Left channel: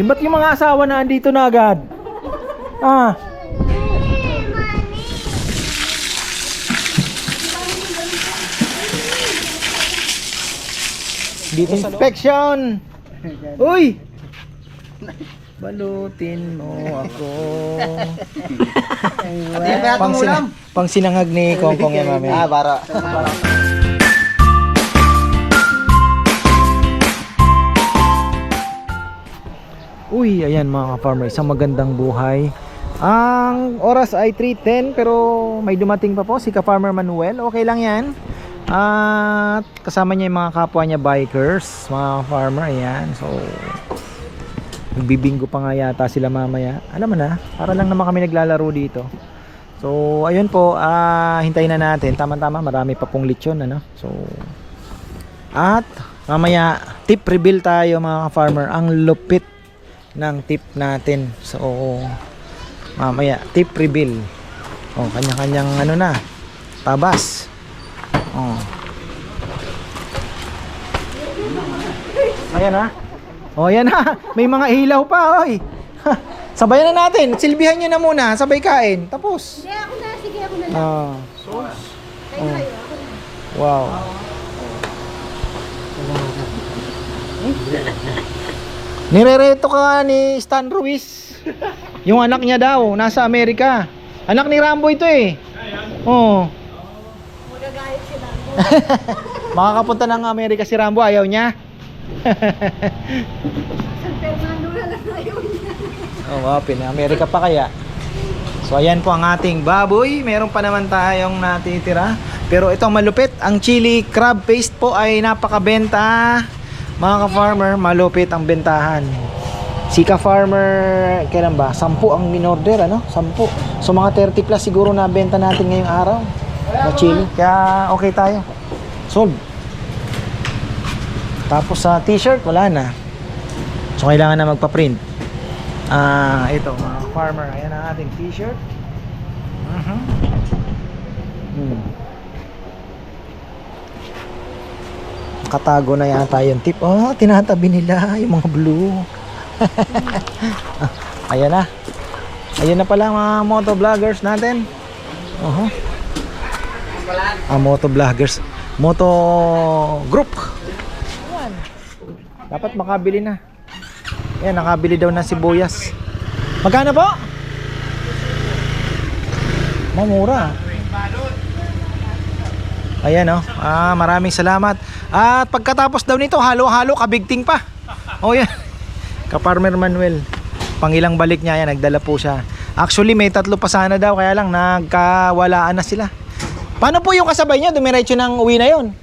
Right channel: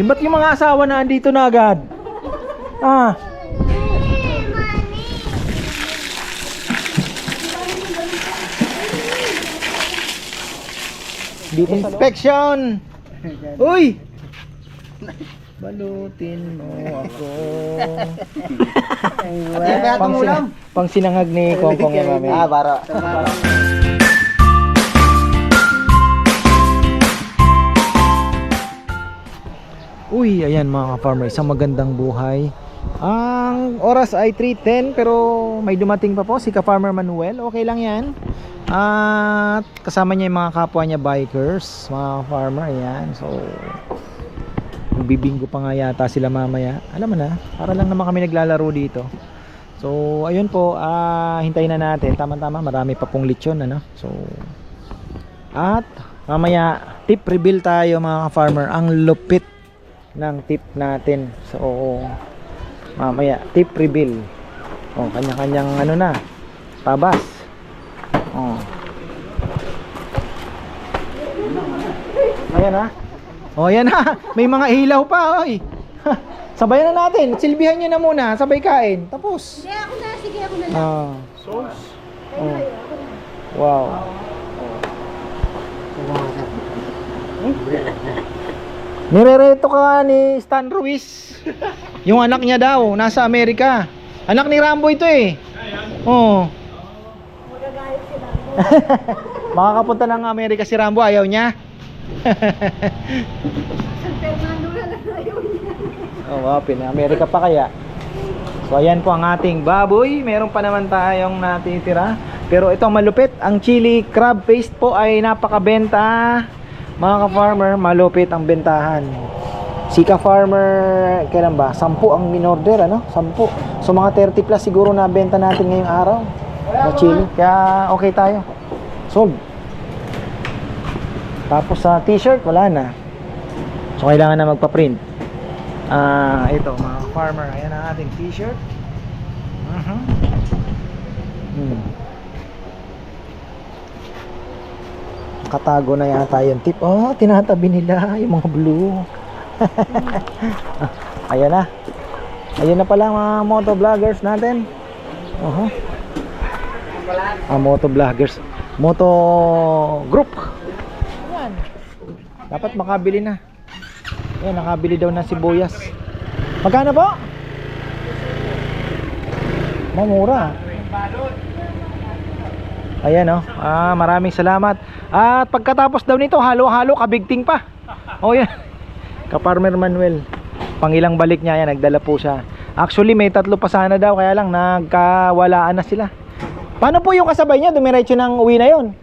Yung ba't yung mga asawa na andito na agad? Ah. Inspection! Uy! Balutin mo ako. Pang sinangag ni Kongkong yan mami. Ah, para. Uy, ayan mga ka-farmer, isang magandang buhay. Ang oras ay 3:10 pero may dumating pa po si ka-farmer Manuel. Okay lang yan. At kasama niya yung mga kapwa niya bikers, mga farmer, ayan. So bibinggo pa nga yata sila mamaya. Alam mo na, para lang naman kami naglalaro dito. So ayun po, hintayin na natin. Tama-tama, marami pa pong lechon, ano. So at mamaya tip reveal tayo mga farmer. Ang lupit ng tip natin. So mamaya tip reveal. Oh, kanya-kanyang ano na, tabas. Oh. Ayan ha. Oh, ayan ha. May mga ilaw pa, oy. Sabayan na natin. Silbihan niyo na muna, sabay kain. Tapos. Sige, ako na. Sige, ako na lang. Ah. Kayo, kayo. Ako na. Wow. Nirereto ka ni Stan Ruiz. Yung anak niya daw, nasa Amerika. Anak ni Rambo ito eh. Oo. Magagayot sila. Makakapunta ng Amerika si Rambo, ayaw niya. San Fernando na lang ayaw niya. Oo, Amerika pa kaya. So ayan po ang ating baboy. Meron pa naman tayong natitira. Pero ito malupit. Ang chili crab paste po ay napakabenta. Mga ka-farmer, malupit ang bentahan. Si ka-farmer, kailan ba? 10 ang minorder, ano? 10. So mga 30 plus siguro na benta natin ngayong araw na chili. Kaya okay tayo. Sold. Tapos sa t-shirt, wala na. So kailangan na magpa-print. Ito mga farmer, ayan ang ating t-shirt. Katago na yata yung tip. Oh, tinatabi nila yung mga blue. Ayan na. Ayan na pala mga moto vloggers natin. Moto vloggers, moto group. Ayan. Dapat makabili na. Ayan, nakabili daw na sibuyas. Magkano po? Mamura. Ayan oh. Maraming salamat. At pagkatapos daw nito, halo-halo, kabigting pa. Oh yan. Ka-farmer Manuel. Pangilang balik niya, yan, nagdala po siya. Actually, may 3 pa sana daw, kaya lang nagkawalaan na sila. Paano po yung kasabay niya? Dumiretso ng uwi na yun?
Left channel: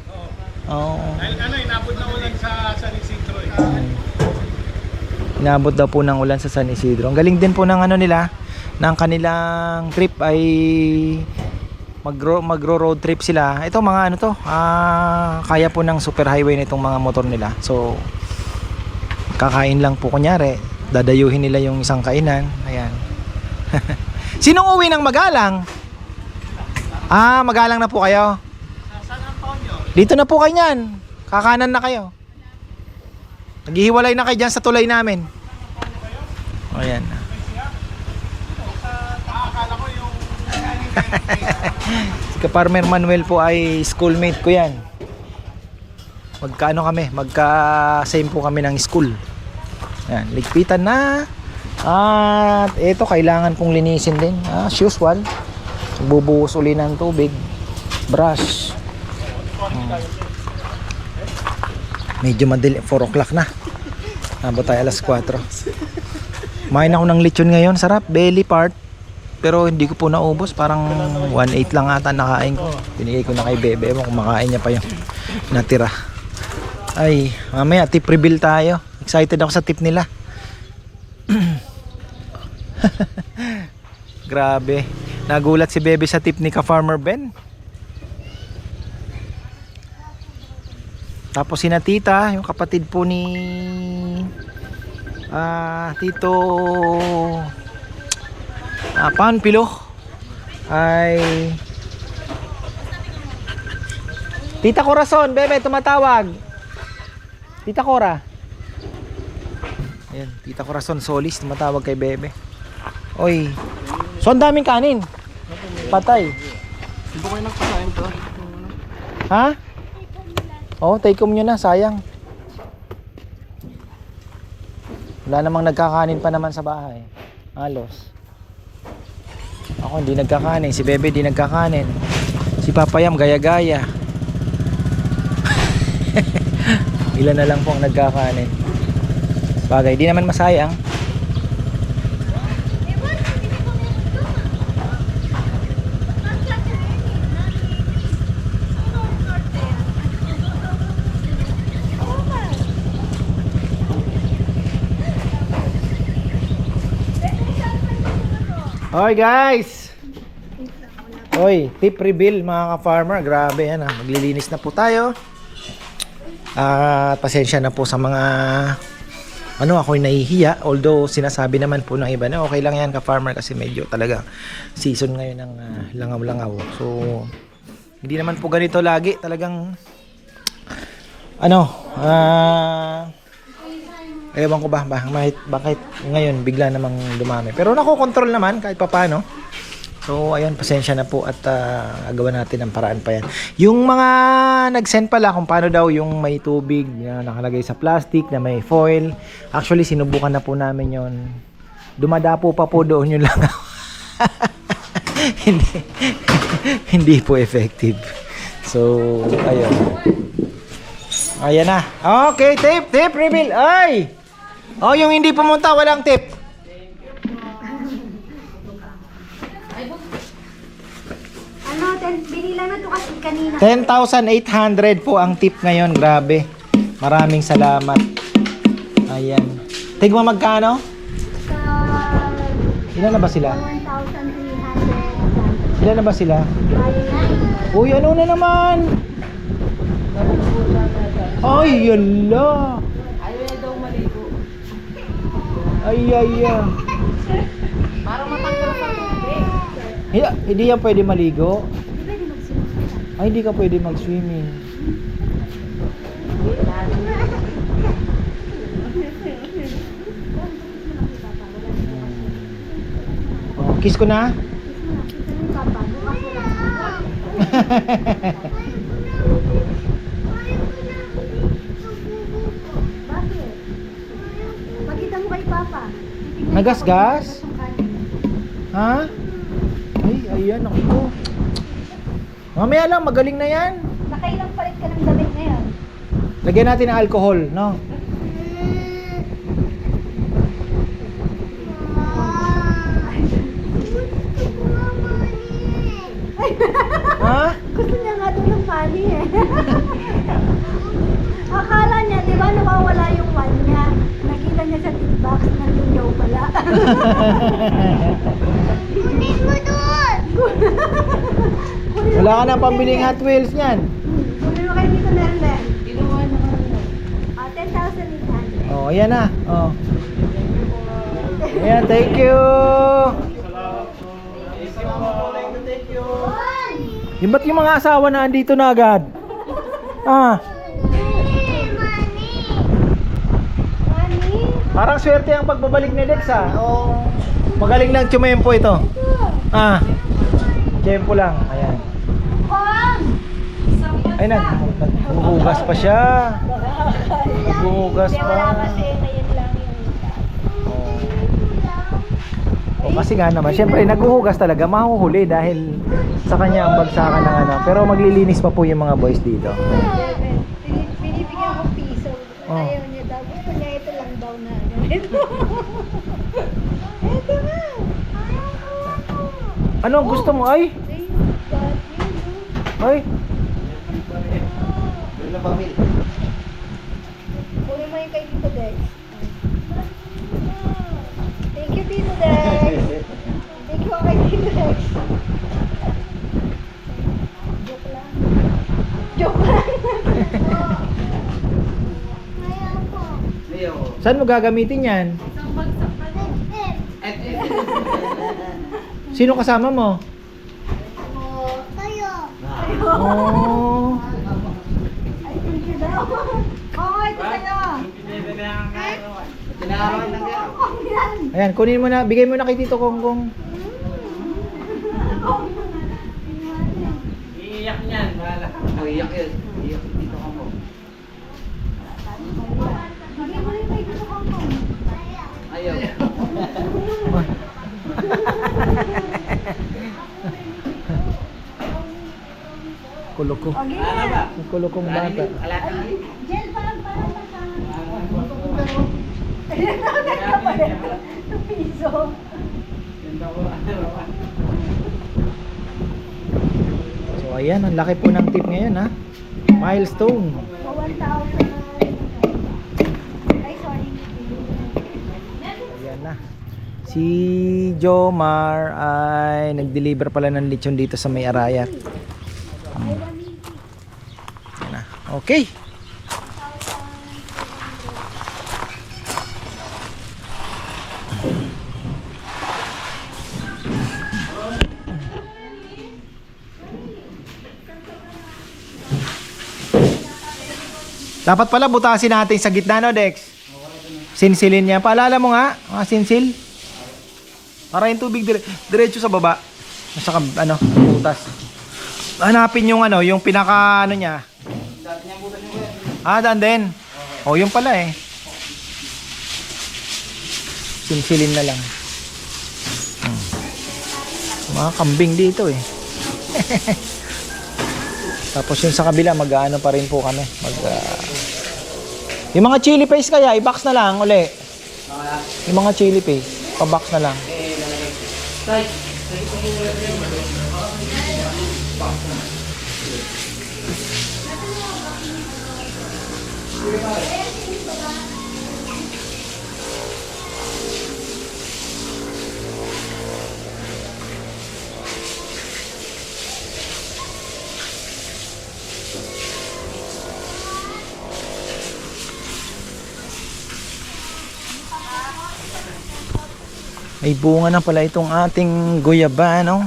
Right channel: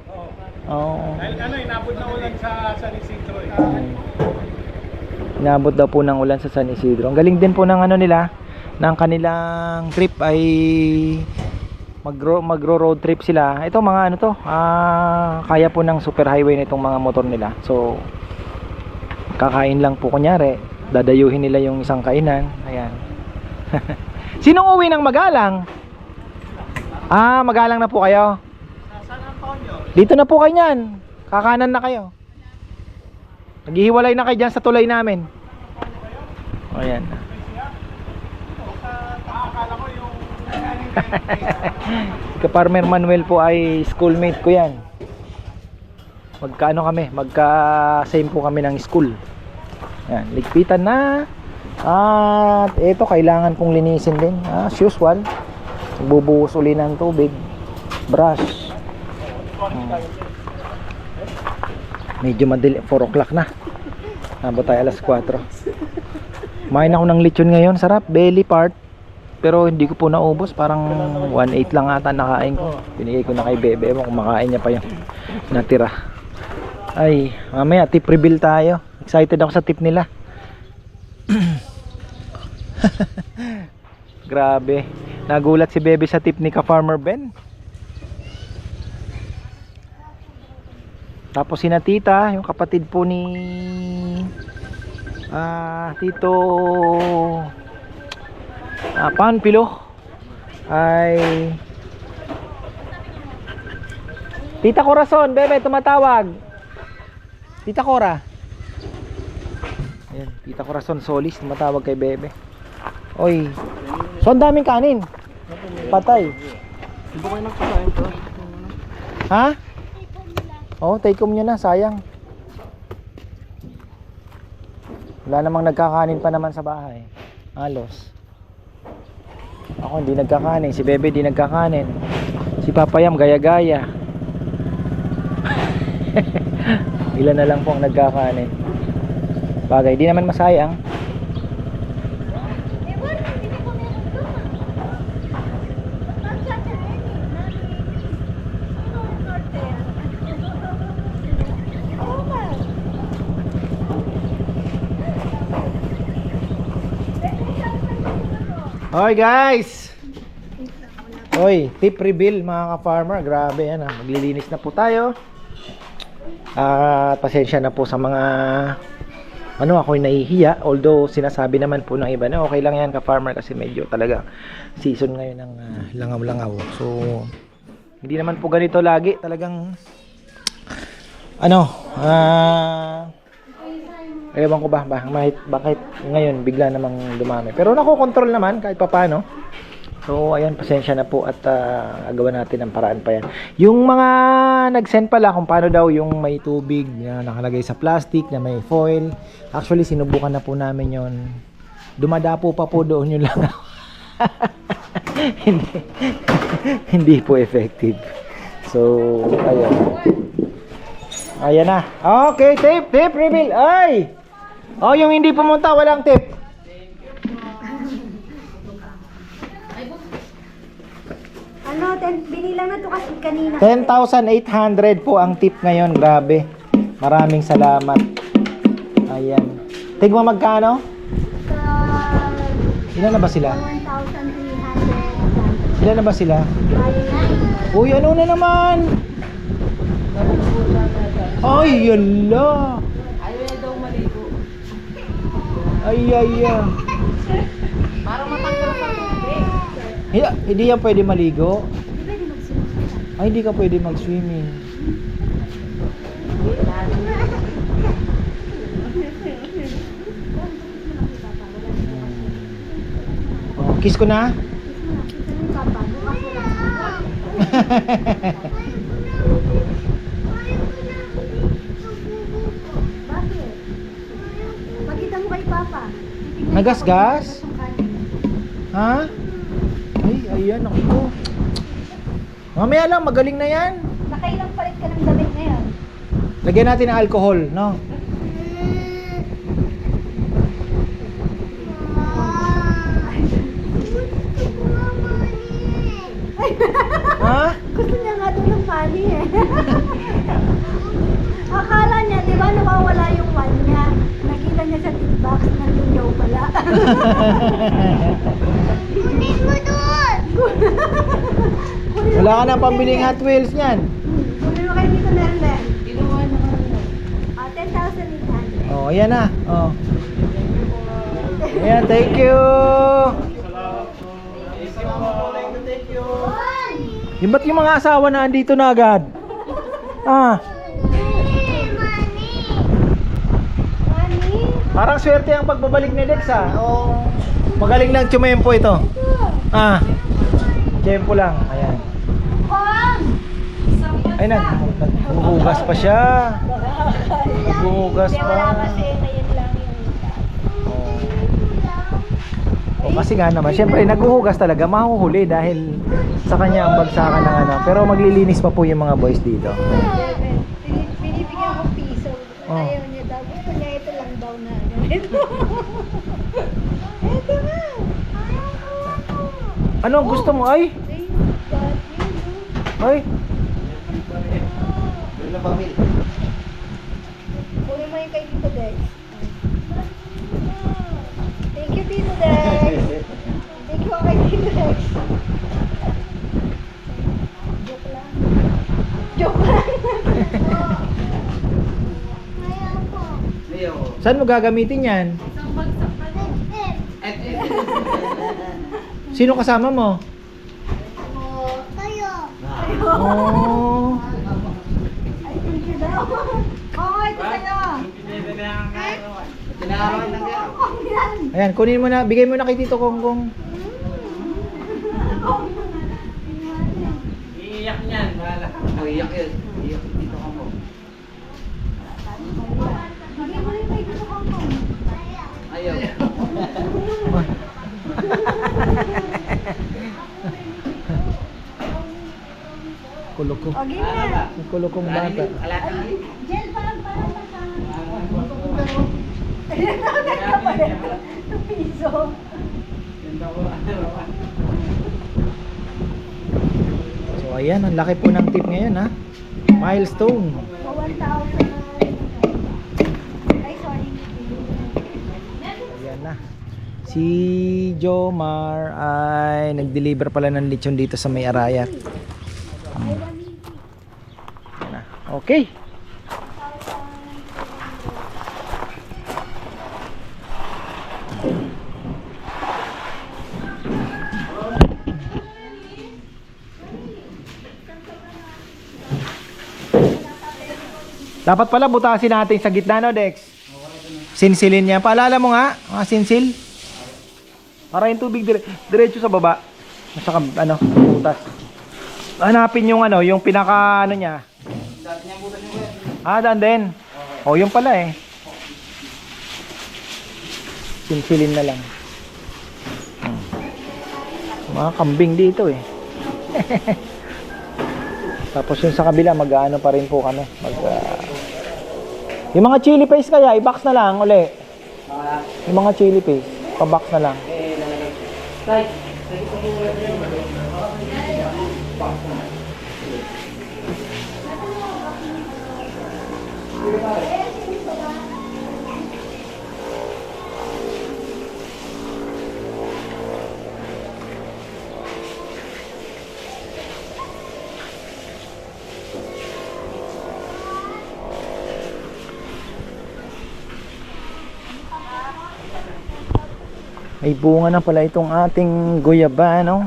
Oo. Dahil inabot na ulan sa San Isidro eh. Inabot daw po ng ulan sa San Isidro. Ang galing din po ng ano nila, ng kanilang trip ay magro-road trip sila. Ito mga ano to, kaya po ng super highway nitong mga motor nila. So kakain lang po kunyari, dadayuhin nila yung isang kainan. Ayan. Sinong uwi ng Magalang? Magalang na po kayo. Saan ang taon nyo? Dito na po kayo niyan. Kakanan na kayo. Naghihiwalay na kayo dyan sa tulay namin. Ayan. Akala ko yung Si ka-farmer Manuel po ay schoolmate ko yan. Magkaano kami, magka-same po kami ng school. Yan, ligpitan na. At ito kailangan kong linisin din, as usual. Bubuhos uli ng tubig, brush. Medyo madali, 4 o'clock na. Abot tayo alas 4. Kumain ako ng lechon ngayon, sarap, belly part. Pero hindi ko po naubos, parang 1/8 lang ata nakain ko. Binigay ko na kay Bebe, ewan kung makain niya pa yung natira. Ay, mamaya tip reveal tayo. Excited ako sa tip nila. Grabe. Nagulat si Bebe sa tip ni ka-farmer Ben. Tapos si Tita, yung kapatid po ni Tito Panpilo ay Tita Corazon, Bebe tumatawag. Tita Cora. Ayan, Tita Corazon Solis, tumatawag kay Bebe. Oy. So, ang daming kanin. Patay. Hindi ko kayo nagpasayang to. Ha? Oo, take home nyo na, sayang. Wala namang nagkakanin pa naman sa bahay. Halos. Ako hindi nagkakanin, si Bebe di nagkakanin. Si Papayam gaya-gaya. Ilan na lang po ang nagkakanin. Bagay, di naman masayang. Hoy guys! Hoy, tip reveal mga ka-farmer. Grabe yan, maglilinis na po tayo. Pasensya na po sa mga ako'y nahihiya. Although sinasabi naman po ng iba na okay lang yan ka-farmer kasi medyo talaga season ngayon ng langaw-langaw. So hindi naman po ganito lagi. Talagang ewan ko ba bakit ngayon bigla namang dumami. Pero nakokontrol naman kahit papaano. So ayan, pasensya na po at agawan natin ang paraan pa yan. Yung mga nag-send pala kung paano daw yung may tubig na nakalagay sa plastic na may foil. Actually sinubukan na po namin yon. Dumadapo pa po doon yung langaw. hindi po effective. So ayun. Ayan na. Okay, tip reveal. Ay! Oh, yung hindi pumunta, walang tip. Binilang na to kasi kanina. 10,800 po ang tip ngayon. Grabe. Maraming salamat. Ayan. Tigma magkano? Ilan na ba sila? 1,300. Ilan na ba sila? Uy, ano na naman? Ay, yala. Ayaw daw maligo. Ay. Parang matanggal sa tubig. Hindi yan pwede maligo. Di pwede magsimula. Ay, hindi ka pwede mag-swimming. Oh, kiss ko na. Bakit? Pakita mo kay Papa. Nagasgas? Ha? Ay, ayan ako. Mamaya lang, magaling na yan. Nakailang palit ka ng damit ngayon? Lagyan natin ng alcohol, no? Ha? Gusto niya nga doon ng money eh. Akala niya, di ba nawawala yung one niya. Nakita niya sa tip box, nandun daw pala. Kunin mo doon! Wala ka na pambiling Hot Wheels niyan. Kunin mo kayo dito, Lerler. Ginawa naman yun. 10,800. Oh, ayan na. Oh. Ayan, thank you. Yung ba't yung mga asawa na andito na agad? Ah, Money? parang swerte ang pagbabalik ni Dex ah. Oh, magaling lang tsumempo ito. Ah, tsumempo lang. Ayan. Ay, naghuhugas pa siya. Naghuhugas pa. Wala kasi ngayon lang yung O, kasi nga naman, syempre naghuhugas talaga, mahuhuli dahil sa kanya ang bagsakan ng ano. Pero maglilinis pa po yung mga boys dito. binibigyan ko piso. Oh. Ayaw niya daw. Gusto niya ito lang daw na ganito. Ito na. Ano ang gusto mo? Ay! Ay! Kunin mo yung kay Tito Dex. Thank you, Tito Dex. Thank you kay Tito Dex. Joke lang. Joke lang. Saan mo gagamitin yan? Sino kasama mo? Oh. Ay, thank you daw. Oo, ito sa'yo. Ayan, kunin mo na, bigay mo na kay Tito Konggong. Iiyak niyan, bahala. Iiyak yun. Iiyak dito ka mo. Bigay mo rin kay Tito Konggong. Ayaw. Kuloko. O, ganyan na. Ang kulokong bata. Gel parang sa... Ayun na, nagkapalit. 2 piso. So ayan, ang laki po ng tip ngayon ha. Milestone. O, 1,000. Ay, sorry. Ayan na. Si Jomar ay nag-deliver pala ng lechon dito sa May Arayat. Ayan na. Okay. Dapat pala butasin natin sa gitna, no, Dex? Sinsilin niya. Paalala mo nga, mga sinsil. Para yung tubig diretso sa baba. Nasa ano, butas. Hanapin yung ano, yung pinaka ano niya. Ah, daan din. Oh, yung pala eh. Sinsilin na lang. Mga kambing dito eh. Tapos yung sa kabila, mag-ano pa rin po kami. Yung mga chili paste kaya, i-box na lang uli. Yung mga chili paste, pa-box na lang. May bunga na pala itong ating guyaba, no?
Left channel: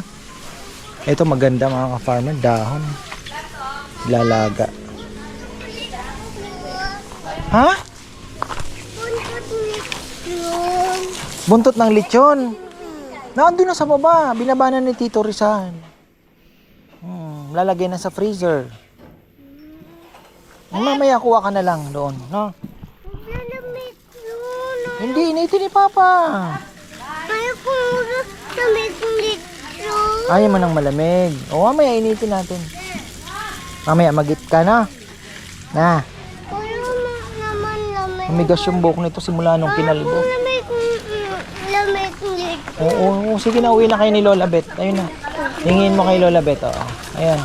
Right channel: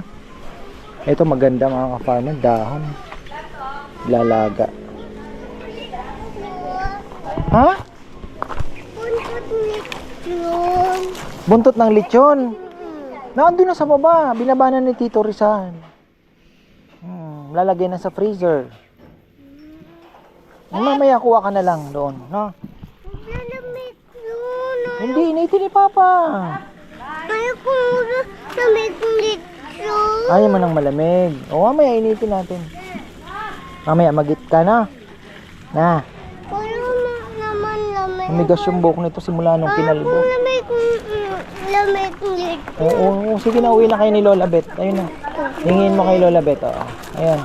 Ito maganda mga ka-farmer, dahon. Lalaga. Ha? Buntot ng lechon. Nandun na sa baba, binaba na ni Tito Rizal. Lalagay na sa freezer. Mamaya kuha ka na lang doon, no? Hindi, initin ni Papa. Ayaw mo ng malamig. O, mamaya initin natin. Mamaya magit ka na. Na. Umigas yung buhok nito simula nung kinalbo. Oo, sige na, uwi na kayo ni Lola Bet. Ayun na. Hingin mo kay Lola Bet. Oo. Ayan.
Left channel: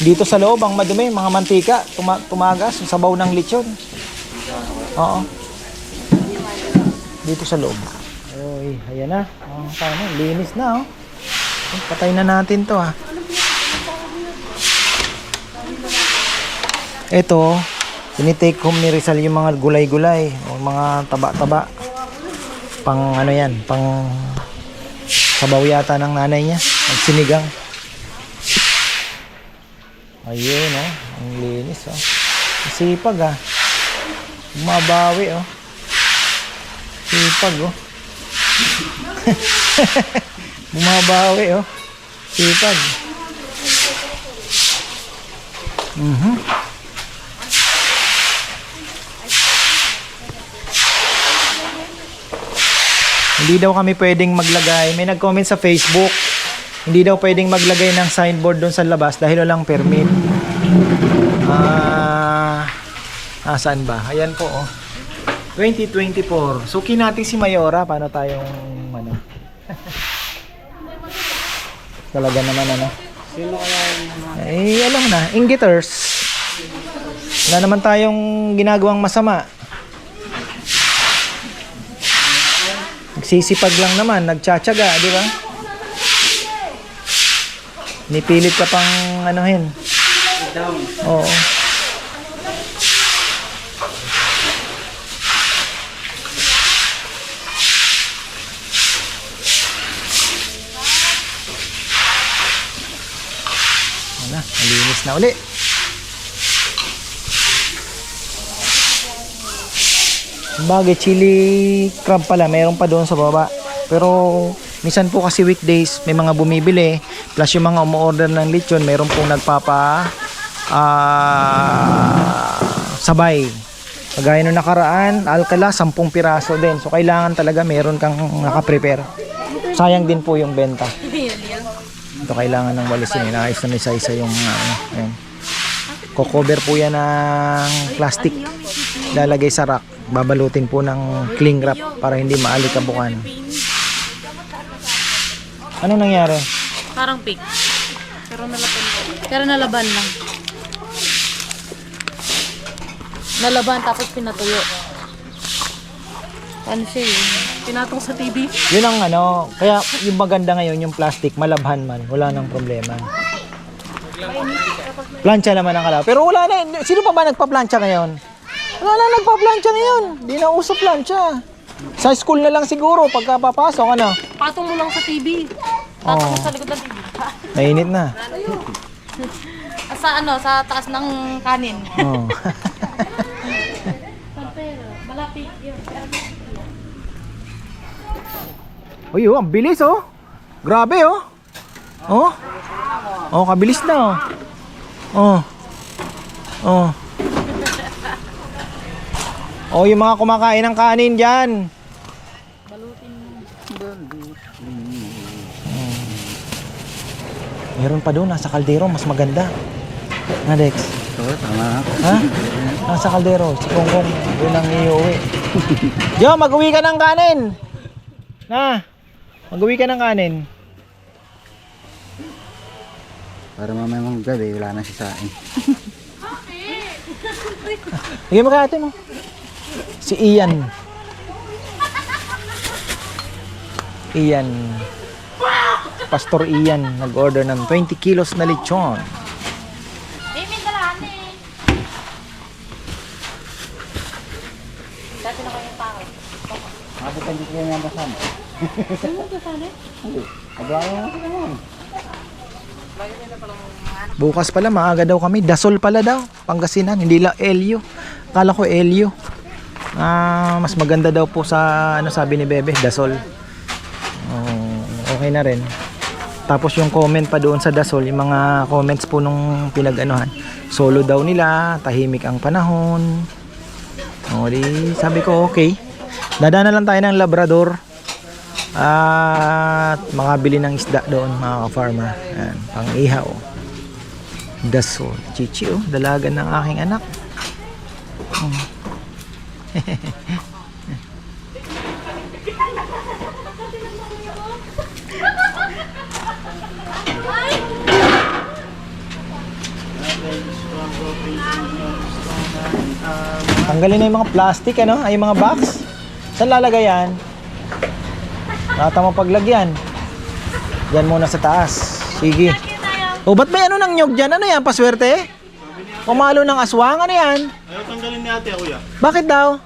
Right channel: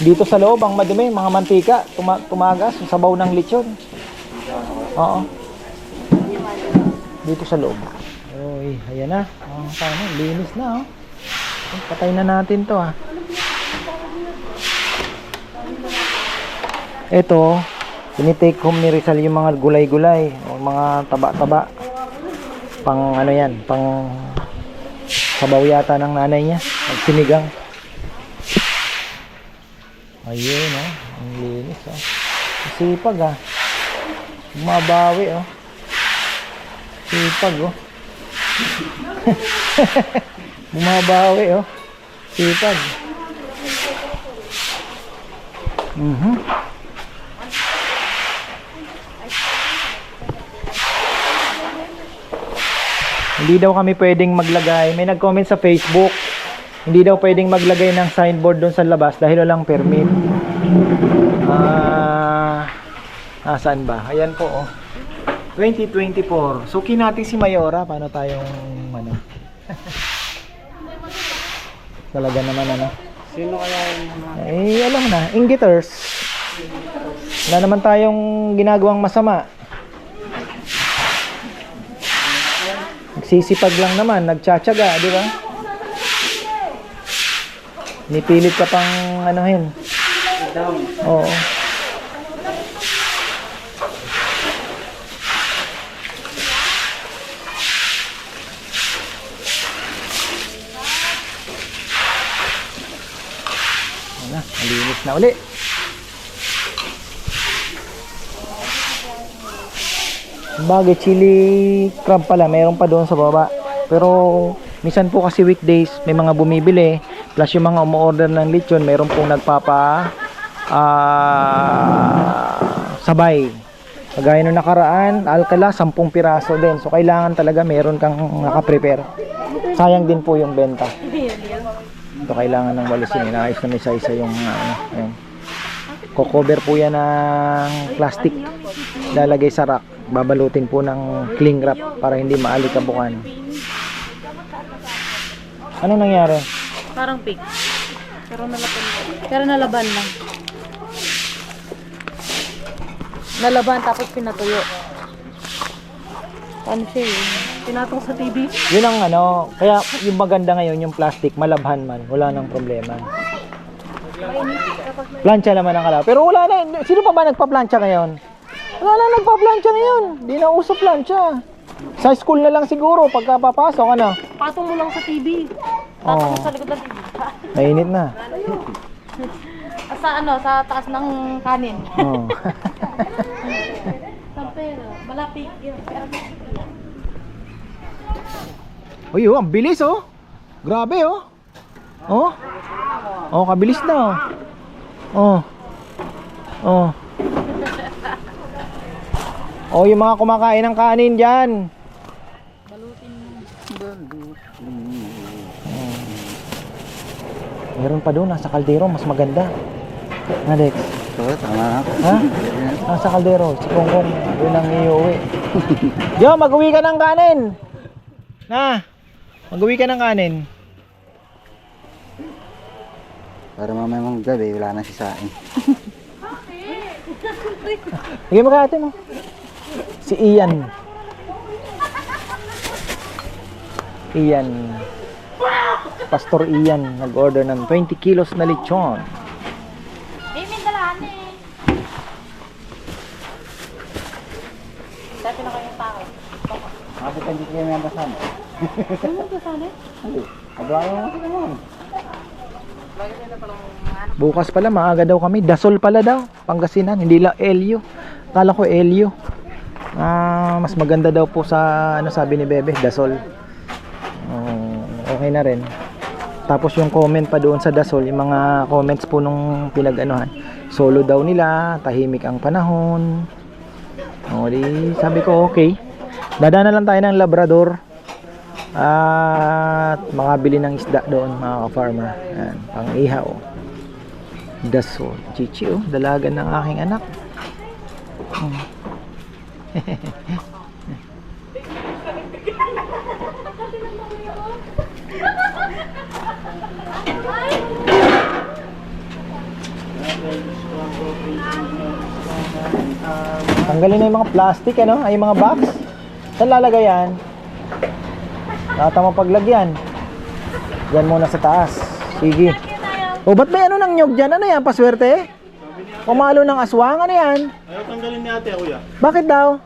Dito sa loob ang madumi, mga mantika, tumagas, sabaw ng lechon. Oo. Dito sa loob. Oy, ayan na. Oh, paano? Linis na, oh. Patay na natin 'to, ah. Ito, tinitake home ni Rizal yung mga gulay-gulay, o mga taba-taba. Pang ano 'yan, pang sabaw yata ng nanay niya, sinigang. Ayun, oh. Ang linis, oh. Sipag, ah. Mabawi, oh. Sipag, oh. Bumabawi, oh. Sipag. Hindi daw kami pwedeng maglagay. May nag-comment sa Facebook. Hindi daw pwedeng maglagay ng signboard doon sa labas dahil walang permit. Saan ba? Ayan po, oh. 2024. Suki natin si Mayora. Paano tayong ano? Talaga naman ano? Sino kaya yung mga... Eh, alam na. Inggiters. Wala naman tayong ginagawang masama. Nagsisipag lang naman. Nagtsatsaga, di ba? Nipilit ka pang anuhin. Down. Oo. na uli. Bagay, chili crab pala, meron pa doon sa baba. Pero minsan po kasi weekdays may mga bumibili, plus yung mga umu-order ng lechon, meron pong sabay. Kagaya nung nakaraan, Alcala, 10 piraso din. So kailangan talaga meron kang naka-prepare. Sayang din po yung benta. Ito kailangan ng walisin. Inaayos na isa-isa yung ayun. Ko-cover po yan ng plastic. Lalagay sa rack. Babalutin po ng cling wrap para hindi maalikabukan. Ano nangyari? Parang pig. Pero nalaban lang. Nalaban tapos pinatuyo. Ano siya eh? Pinatong sa TV. Yun ang ano, kaya yung maganda ngayon yung plastic, malabhan man, wala nang problema. Plancha naman ang kalaw. Pero wala na, sino pa ba nagpa-plancha ngayon? Wala na nagpa-plancha ngayon. Di na uso plancha. Sa school na lang siguro pagka papasok, ano? Patong mo lang sa TV. Oo. Patong mo sa likod ng TV. Mainit na. Sa taas ng kanin. Oo. Malapit yun. Uy, oh, ang bilis oh. Grabe oh. Oh. Oh, kabilis na oh. Oh. Oh. Oh, yung mga kumakain ng kanin diyan. Meron pa doon nasa kaldero, mas maganda. Alex. Oo, tama. Ha? Nasa kaldero, si Kongkong, doon ang iuwi. Yo, mag-uwi ka ng kanin. Na. Mag-uwi ka ng kanin. Para mamaya mong gabi, wala na si Sain. Sige mo kaya mo. Si Ian. Pastor Ian nag-order ng 20 kilos na lechon. May dalahan eh. Dati na kayong tao. Bakit hindi kayo nabasan? Ano ba sana? Hindi. Ablaan mo naman. Bukas pala maaga daw kami. Dasol pala daw. Pangasinan. Hindi lang Elio. Akala ko Elio. Mas maganda daw po sa ano sabi ni Bebe. Dasol. Okay na rin. Tapos yung comment pa doon sa Dasol. Yung mga comments po nung pinag-anuhan. Solo daw nila. Tahimik ang panahon. O di sabi ko okay. Dadaan na lang tayo ng Labrador. At makabili ng isda doon mga ka-farmer. Ayan, pang ihaw. Dasol. Chichi oh, dalagan ng aking anak. Tanggalin na yung mga plastic ano, ay yung mga box. Saan lalagay yan? Nakatama paglagyan. Yan muna sa taas. Sige. O ba't may ano ng nyog dyan? Ano yan? Paswerte? Pumalo ng aswang? Ano yan? Ayaw tanggalin ni ate, kuya. Bakit daw?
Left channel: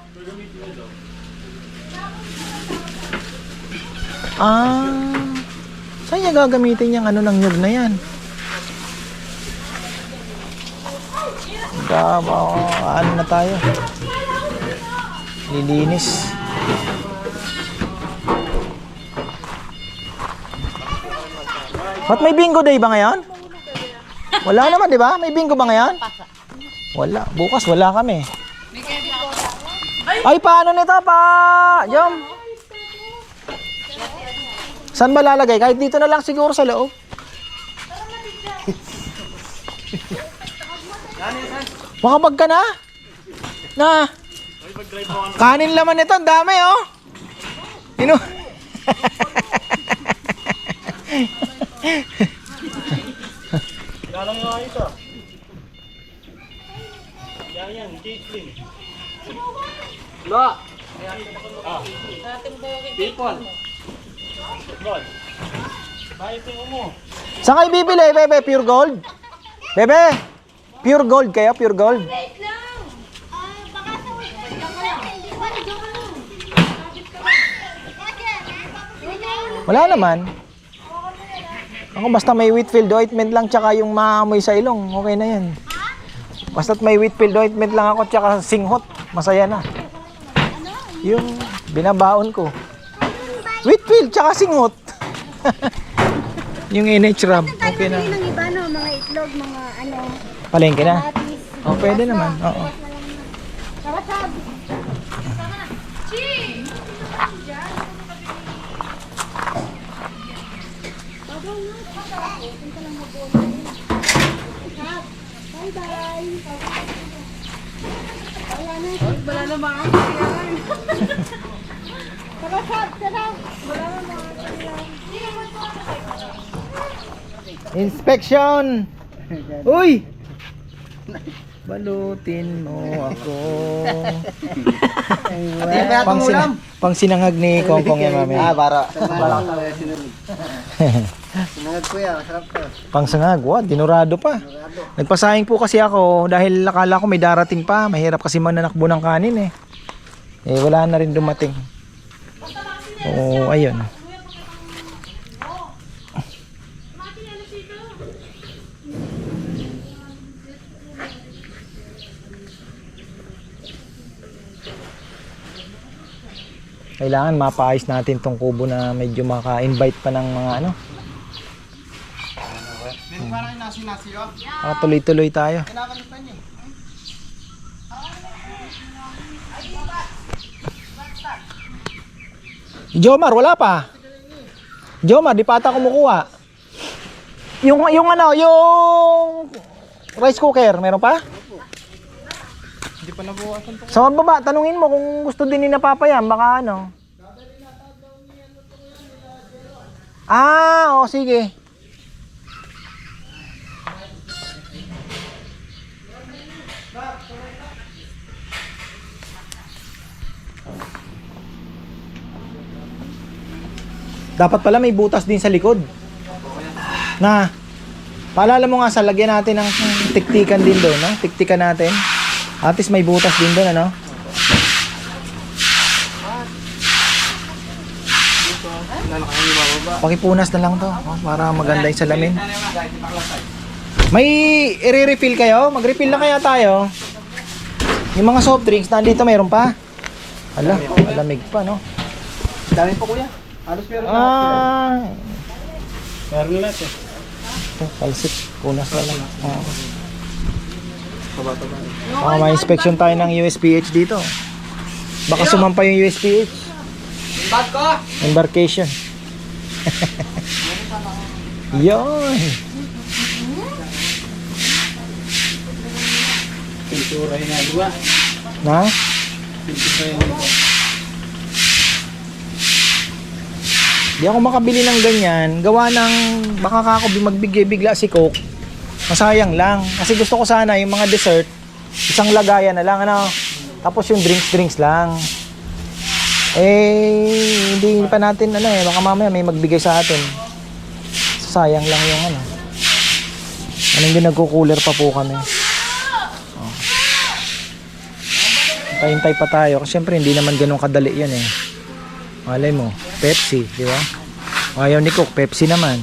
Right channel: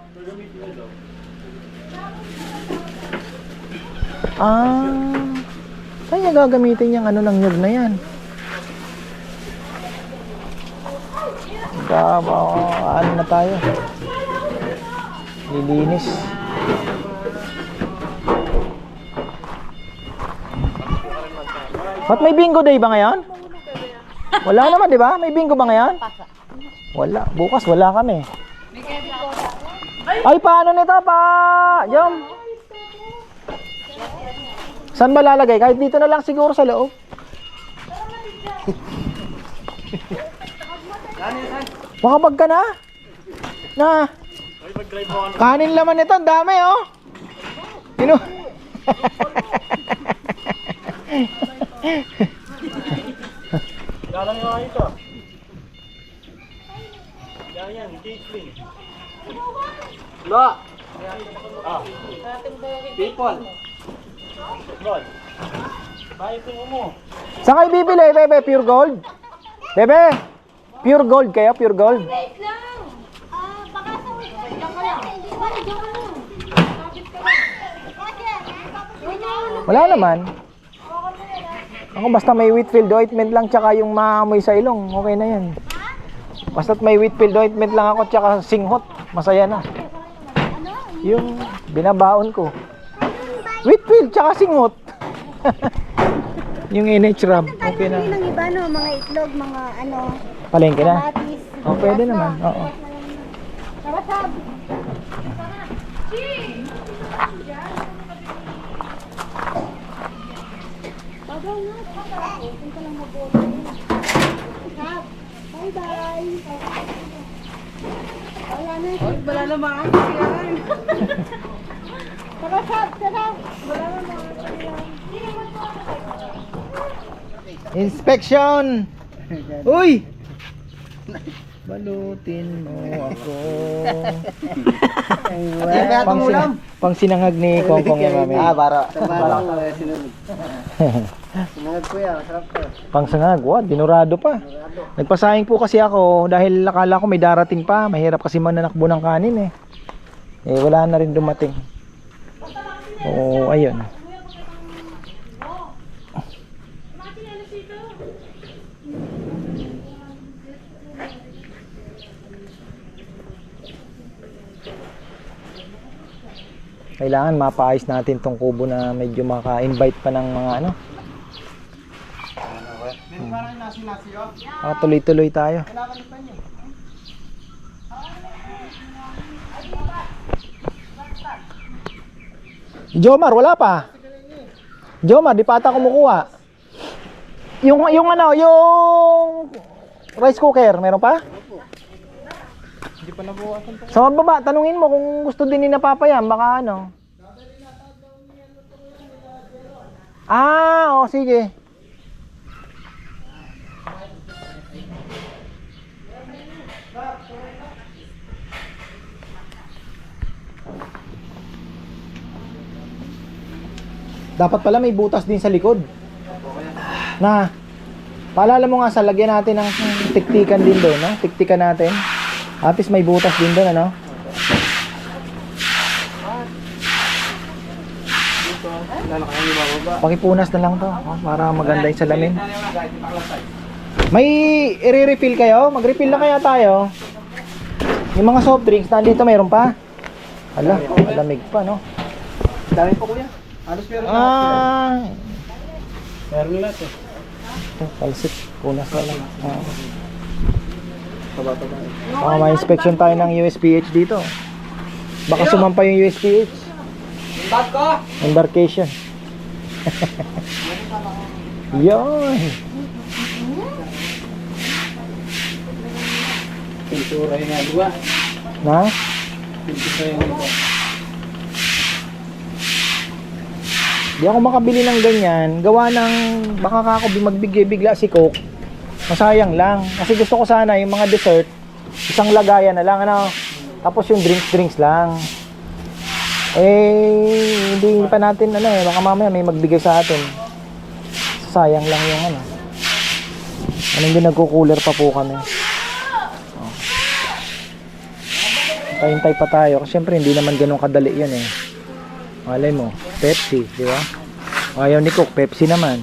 Saan niya gagamitin yung ano ng nyog na yan? Ano na tayo? Lilinis. Ba't may bingo day ba ngayon? Wala naman, di ba? May bingo ba ngayon? Wala. Bukas wala kami. Ay, paano nito pa? Jom. Saan ba lalagay? Kahit dito na lang siguro sa loob. Makapag ka na? Na. Kanin laman nito. Ang dami, oh. Ino. Galang yung ito. Yan, Caitlyn. Lo! People. Gold. Bakit yung mo? Saan kayo bibili, Bebe? Pure gold? Bebe? Pure gold kayo? Pure gold? Wait lang. Baka sa hindi pa rin Wala naman. Ako basta may Whitfield ointment lang tsaka yung maamoy sa ilong, okay na yan. Basta't may Whitfield ointment lang ako tsaka singhot, masaya na. Yung binabaon ko. Whitfield tsaka singhot. Yung NH rub, okay na. Ng iba, no? Mga itlog, mga ano, Palengke na. kamatis. Oh, pwede naman. Oo. Tara, Sab. Wala naman. Tara, Sab. Tara. Inspection! Uy! Balutin mo ako. Pang sinangag ni Kongkong yung mami. Para. Sinunod. Sinunod ko yan. Masarap ko. Pang sangag, what? Dinurado pa. Nagpasahing po kasi ako dahil akala ko may darating pa. Mahirap kasi mananakbo ng kanin eh. Eh wala na rin dumating. Oo, ayun. Kailangan mapaayos natin tong kubo na medyo maka-invite pa ng mga ano. Tuloy-tuloy tayo. Jomar, wala pa. Jomar, di pa ata kumukuha. Yung ano, yung rice cooker, meron pa? Hindi pa nabukasan pa. Sa baba, tanungin mo kung gusto din ni Napapayam, baka ano. Ah, o sige. Dapat pala may butas din sa likod. Na, paalala mo nga sa lagyan natin ng tiktikan din doon, no? Tiktikan natin. At least may butas din doon, ano? Pakipunas na lang to, para maganda yung salamin. May i-refill kayo? Mag-refill na kaya tayo? Yung mga soft drinks, nandito mayroon pa? Ala, malamig pa, no? Dami pa kuya. Halos meron Meron lahat eh. Ito, palsit. Punas na lang. Taba-taba. May inspection tayo ng USPH dito. Baka sumampa yung USPH. Bag ko! Embarkation. Yun. Pintura yung nagawa. Na? Pintura yung nagawa. Di ako makabili ng ganyan. Gawa ng baka ako magbigay bigla si Coke. Masayang lang. Kasi gusto ko sana yung mga dessert, isang lagayan na lang, ano. Tapos yung drinks lang. Eh, hindi pa natin, ano eh, baka mamaya may magbigay sa atin. Sayang lang yung ano. Anong din nagko-cooler pa po kami. Oh. Hintay pa tayo. Kasi syempre hindi naman ganun kadali yan eh. Malay mo, Pepsi, di ba? Ayaw ni Coke, Pepsi naman.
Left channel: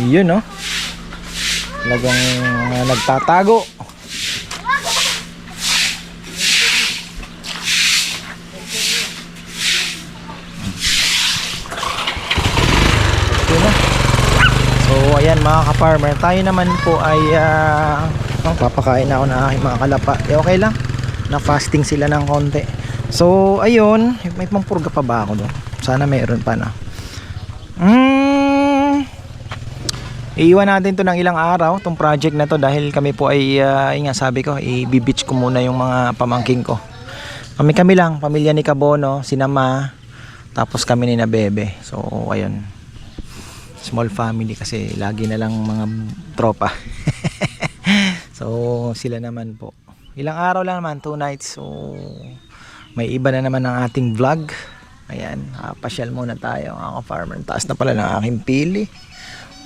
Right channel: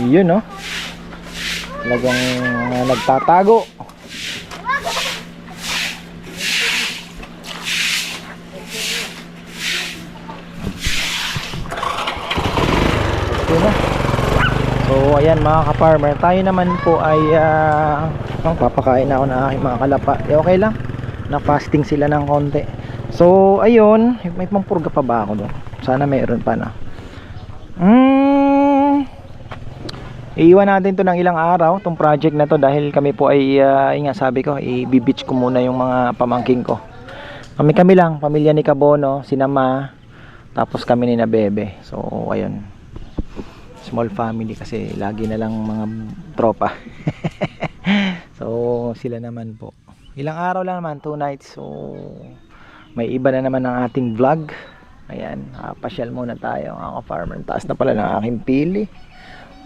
Yun, no? Talagang nagtatago. So ayan mga ka-farmer, tayo naman po ay papakain na ako ng aking mga kalapa. Okay lang, na fasting sila ng konti. So ayun, may pampurga pa ba ako doon? Sana mayroon pa na. Iiwan natin to ng ilang araw, tong project na to, dahil kami po ay nga sabi ko, i-beach ko muna yung mga pamangking ko. Kami lang, pamilya ni Kabono, si Nama, tapos kami ni na Bebe. So ayun, small family kasi lagi na lang mga tropa. So sila naman po, ilang araw lang naman, 2 nights. So may iba na naman ang ating vlog. Ayan, pasyal muna tayo mga farmer. Taas na pala ng aking pili.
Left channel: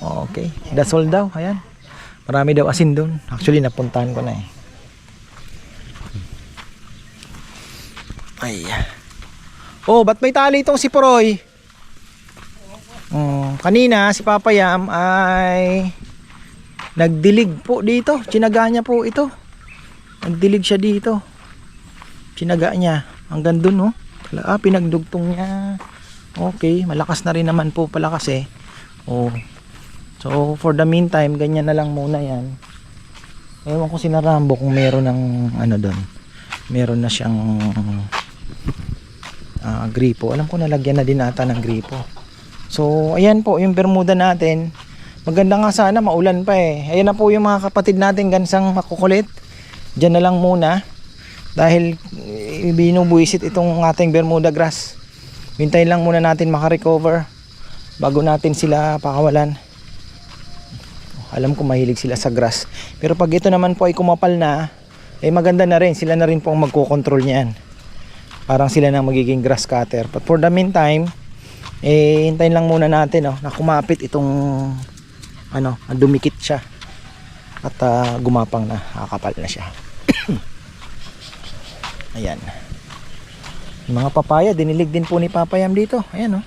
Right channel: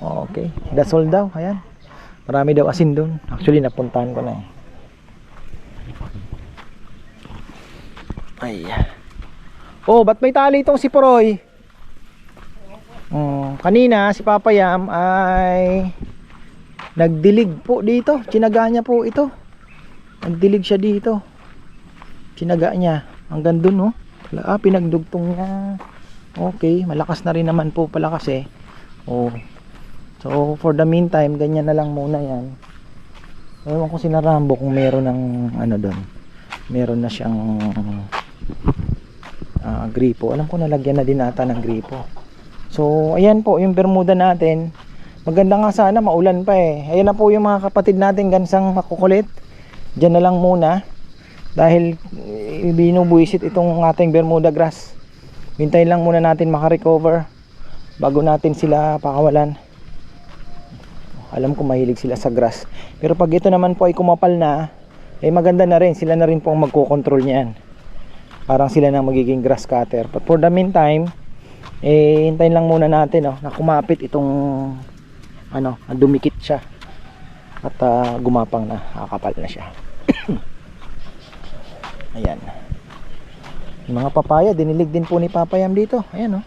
Okay, that's all daw. Ayan, Marami daw asin doon. Actually, napuntahan ko na eh. Ay. Oh, ba't may tali itong si Poroy? Kanina si Papa Yam ay nagdilig po dito. Tsinaga niya po ito. Nagdilig siya dito. Tsinaga niya. Hanggang dun, oh. Pinagdugtong niya. Okay, malakas na rin naman po pala kasi. Oh. So, for the meantime, ganyan na lang muna yan. Ewan ko sina Rambo kung meron ng ano doon. Meron na siyang gripo. Alam ko nalagyan na din ata ng gripo. So, ayan po yung Bermuda natin. Maganda nga sana, maulan pa eh. Ayan na po yung mga kapatid natin gansang makukulit. Diyan na lang muna. Dahil binubuisit itong ating Bermuda grass. Hintayin lang muna natin makarecover bago natin sila pakawalan. Alam ko mahilig sila sa grass. Pero pag ito naman po ay kumapal na, eh maganda na rin. Sila na rin po ang magkocontrol niyan. Parang sila na magiging grass cutter. But for the meantime, eh hintayin lang muna natin na kumapit itong dumikit siya at gumapang na, kakapal na siya. Ayan, yung mga papaya dinilig din po ni Papa Yam dito. Ayan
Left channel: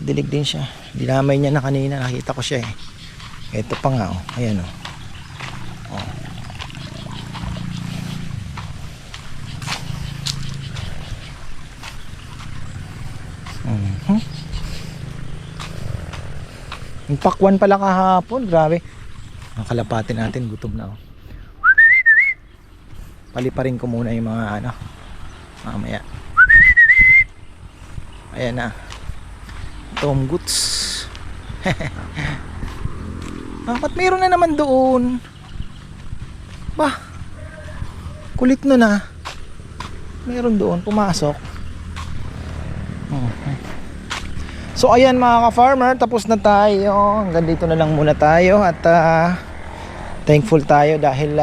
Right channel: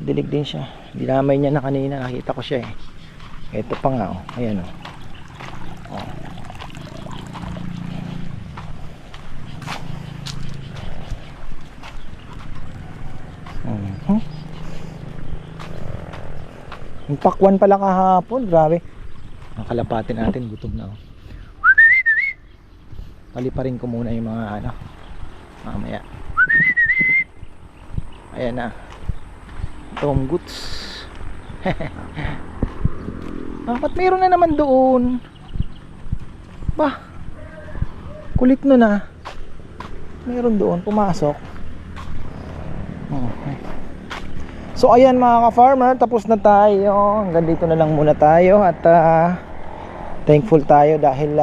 dilig din siya, dinamay niya na kanina, nakita ko siya eh. Ito pa nga ayan Yung pakwan pala kahapon, grabe. Ang kalapatin natin, gutom na Paliparin ko muna yung mga mamaya. Ayan na. Tom Goods. Ba't meron na naman doon? Bah, kulit nun meron doon, pumasok. So ayan mga ka-farmer, tapos na tayo. Hanggang dito na lang muna tayo. At thankful tayo dahil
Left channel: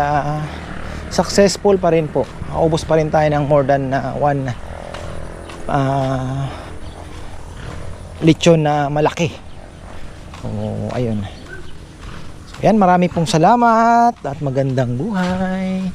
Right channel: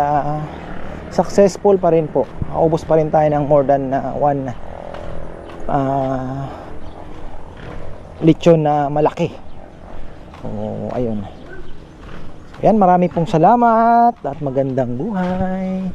successful pa rin po. Ubos pa rin tayo ng more than one lechon na malaki. So ayun. So, yan, marami pong salamat at magandang buhay.